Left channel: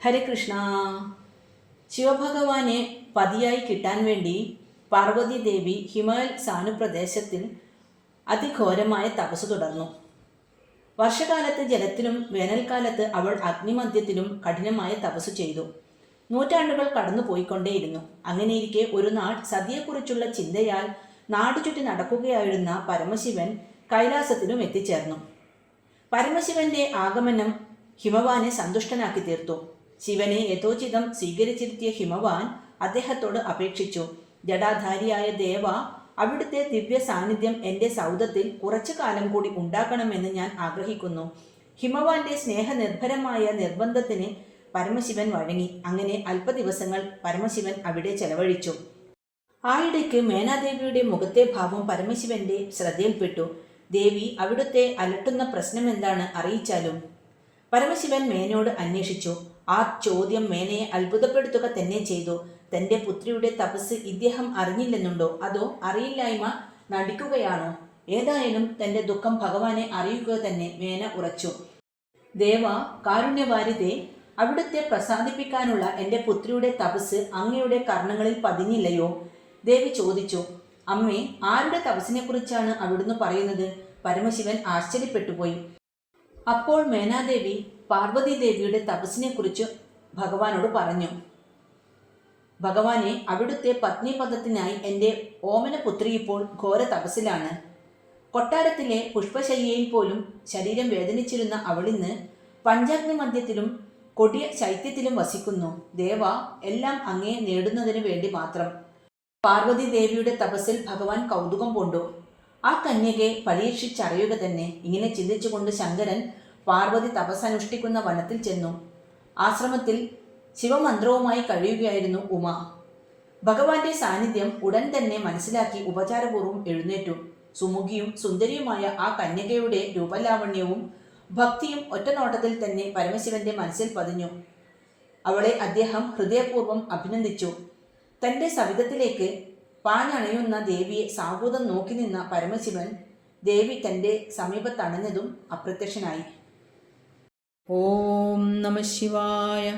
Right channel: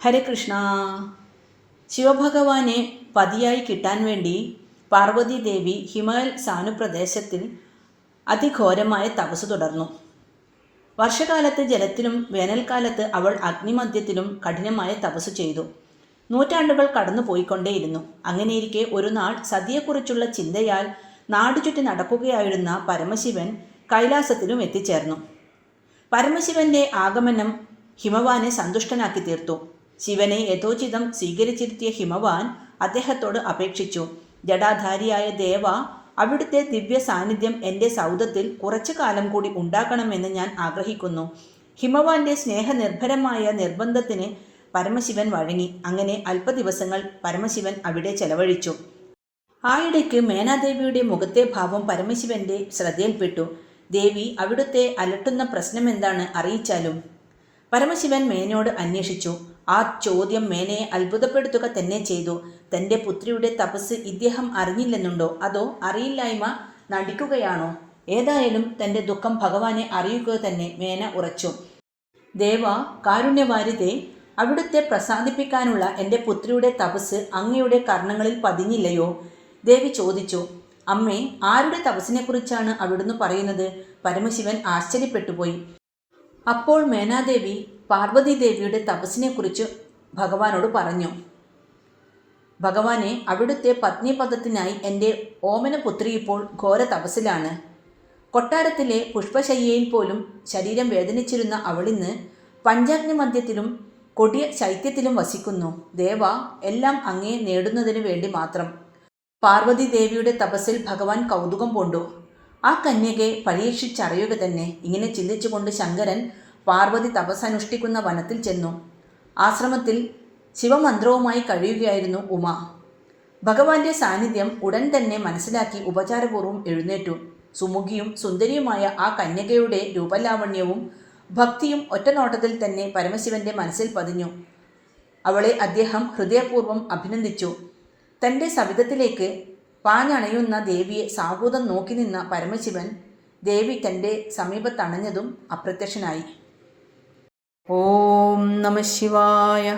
ഹരേ കൃഷ്ണ. ശിവഭഗവാനെ പതിയായി കിട്ടാൻ വേണ്ടി പാർവതി ദേവി ഹിമാലയ സാനുപ്രദേശത്തിൽ അതിഘോരമായ തപസ് തുടർന്നു. വർഷകാലത്ത് ജലത്തിലും വേനൽക്കാലത്ത് അവൾ അഗ്നിമധ്യത്തിലും കഠിനമായ തപസ് ചെയ്തു. നൂറ്റാണ്ടുകൾ കടന്നു പോയിക്കൊണ്ടേയിരുന്നു. അങ്ങനെയിരിക്കെ ഒരു നാൾ സതിയെക്കുറിച്ചുള്ള ചിന്തയാൽ നാടുചുറ്റി നടക്കുകയായിരുന്ന പരമശിവൻ കൈലാസത്തിലും എത്തിച്ചേർന്നു. പരമശിവന്റെ ആഗമനം ഹിമവാനെ സന്തുഷ്ടനാക്കി തീർത്തു. ശിവനെ യഥോചിതം സ്വീകരിച്ചിരുത്തിയ ഹിമവാൻ അദ്ദേഹത്തോട് അപേക്ഷിച്ചു, ജടാധാരിയായ ദേവ, അവിടുത്തെ ദിവ്യ സാന്നിധ്യം എൻ്റെ സൗധത്തിൽ കുറച്ചു കാലം കൂടി ഉണ്ടാക്കണമെന്ന് ഞാൻ ആഗ്രഹിക്കുന്നു. ഹിമവാന്റെ സ്നേഹനിർഭരമായ നിർബന്ധത്തിന് പരമശിവൻ വഴങ്ങി. അങ്ങനെ അല്പദിവസങ്ങൾ പരമശിവൻ അവിടെ ചെലവഴിച്ചു. ആയിടയ്ക്ക് മേനാദേവിയുടെ മുഖത്തെ ഭാവം പരമശിവന്റെ ശ്രദ്ധയിൽപ്പെട്ടു. ദേവി, അവിടുത്തെ അലട്ടുന്ന പ്രശ്നമെന്താണ്, അറിയിച്ചാലും. പരമശിവൻ മേനയോട് അന്വേഷിച്ചു. ആ ചോദ്യം മേനയെ അത്ഭുതപ്പെടുത്തുക തന്നെ ചെയ്തു. തൻ്റെ പുത്രിയുടെ തപസ് ഇദ്ദേഹം അറിഞ്ഞില്ലെന്നുണ്ടോ, അതോ അറിയില്ലായ്മ നടിക്കുകയാണോ? ഏതായാലും തൻ്റെ ദുഃഖം ഭഗവാനെ അറിയിക്കുക തന്നെ മേന ഉറച്ചു. ദേവ, കാരുണ്യവാരിതേ, അവിടുത്തെ പ്രസാദിപ്പിക്കാനുള്ള എൻ്റെ പുത്രിയുടെ തപസ് അങ്ങയുടെ കർണങ്ങളിൽ പതിഞ്ഞില്ലയോ? ദേവി ചോദിച്ചു. അമ്മേ, ആരുടെ തപസ്സിനെക്കുറിച്ചാണ് അവിടുന്ന് പറയുന്നത്? പരമശിവൻ ആശ്ചര്യപ്പെട്ടുപോയി. അപ്പോൾ മേനാദേവി പാർവതി ദേവിയുടെ തപസ്സിനെക്കുറിച്ച് ഭഗവാനോട് പറഞ്ഞു. ഭഗവാനെ, അവിടുത്തെ പത്നിപദത്തിനായി എൻ്റെ ഓമനപുത്രി ഇപ്പോൾ ഘോര തപസ്സിലാണ്. കൊട്ടാരത്തിലെ പുഷ്പശയ്യയിൽ പോലും ശരീരം വേദനിച്ചിരുന്ന അവളിന്ന് പഞ്ചാഗ്നി മധ്യത്തിലും കൊടിയ ശൈത്യത്തിലും വസിക്കുന്നു. ദേവ, എല്ലാം അങ്ങേ നേടുന്നതിന് വേണ്ടി മാത്രം. പാർവതി ദേവിയുടെ തപസ്സിൽ ഭഗവാൻ കൗതുകം കൊണ്ടു. ആ കന്യകയെ പരീക്ഷിച്ചറിയുക തന്നെ. ഇങ്ങനെ ചിന്തിച്ചുകൊണ്ട് ശങ്കരൻ പാർവതി തപസ്സനുഷ്ഠിക്കുന്ന വനത്തിൽ ചെന്നു. ആശ്രമത്തിൽ ശിവമന്ത്രവുമായി കഴിയുകയായിരുന്നു ഉമ. ഭഗവാന്റെ സാന്നിധ്യം ഉടൻ തന്നെ മനസ്സിലാക്കി ഉപചാരപൂർവ്വം എഴുന്നേറ്റു. സുമുഖിയും സുന്ദരിയുമായ ആ കന്യകയുടെ രൂപലാവണ്യവും ഭക്തിയും ഒറ്റനോട്ടത്തിൽ തന്നെ പരമശിവന്റെ മനസ്സിൽ പതിഞ്ഞു. അവളെ അദ്ദേഹം ഹൃദയപൂർവ്വം അഭിനന്ദിച്ചു. തൻ്റെ സവിധത്തിലേക്ക് പാഞ്ഞണയുന്ന ദേവിയെ സാഹൂതം നോക്കി നിന്ന പരമശിവൻ ദേവി തൻ്റെ സമീപത്തണഞ്ഞതും അപ്രത്യക്ഷനായി. ഓം നമഃ ശിവായ.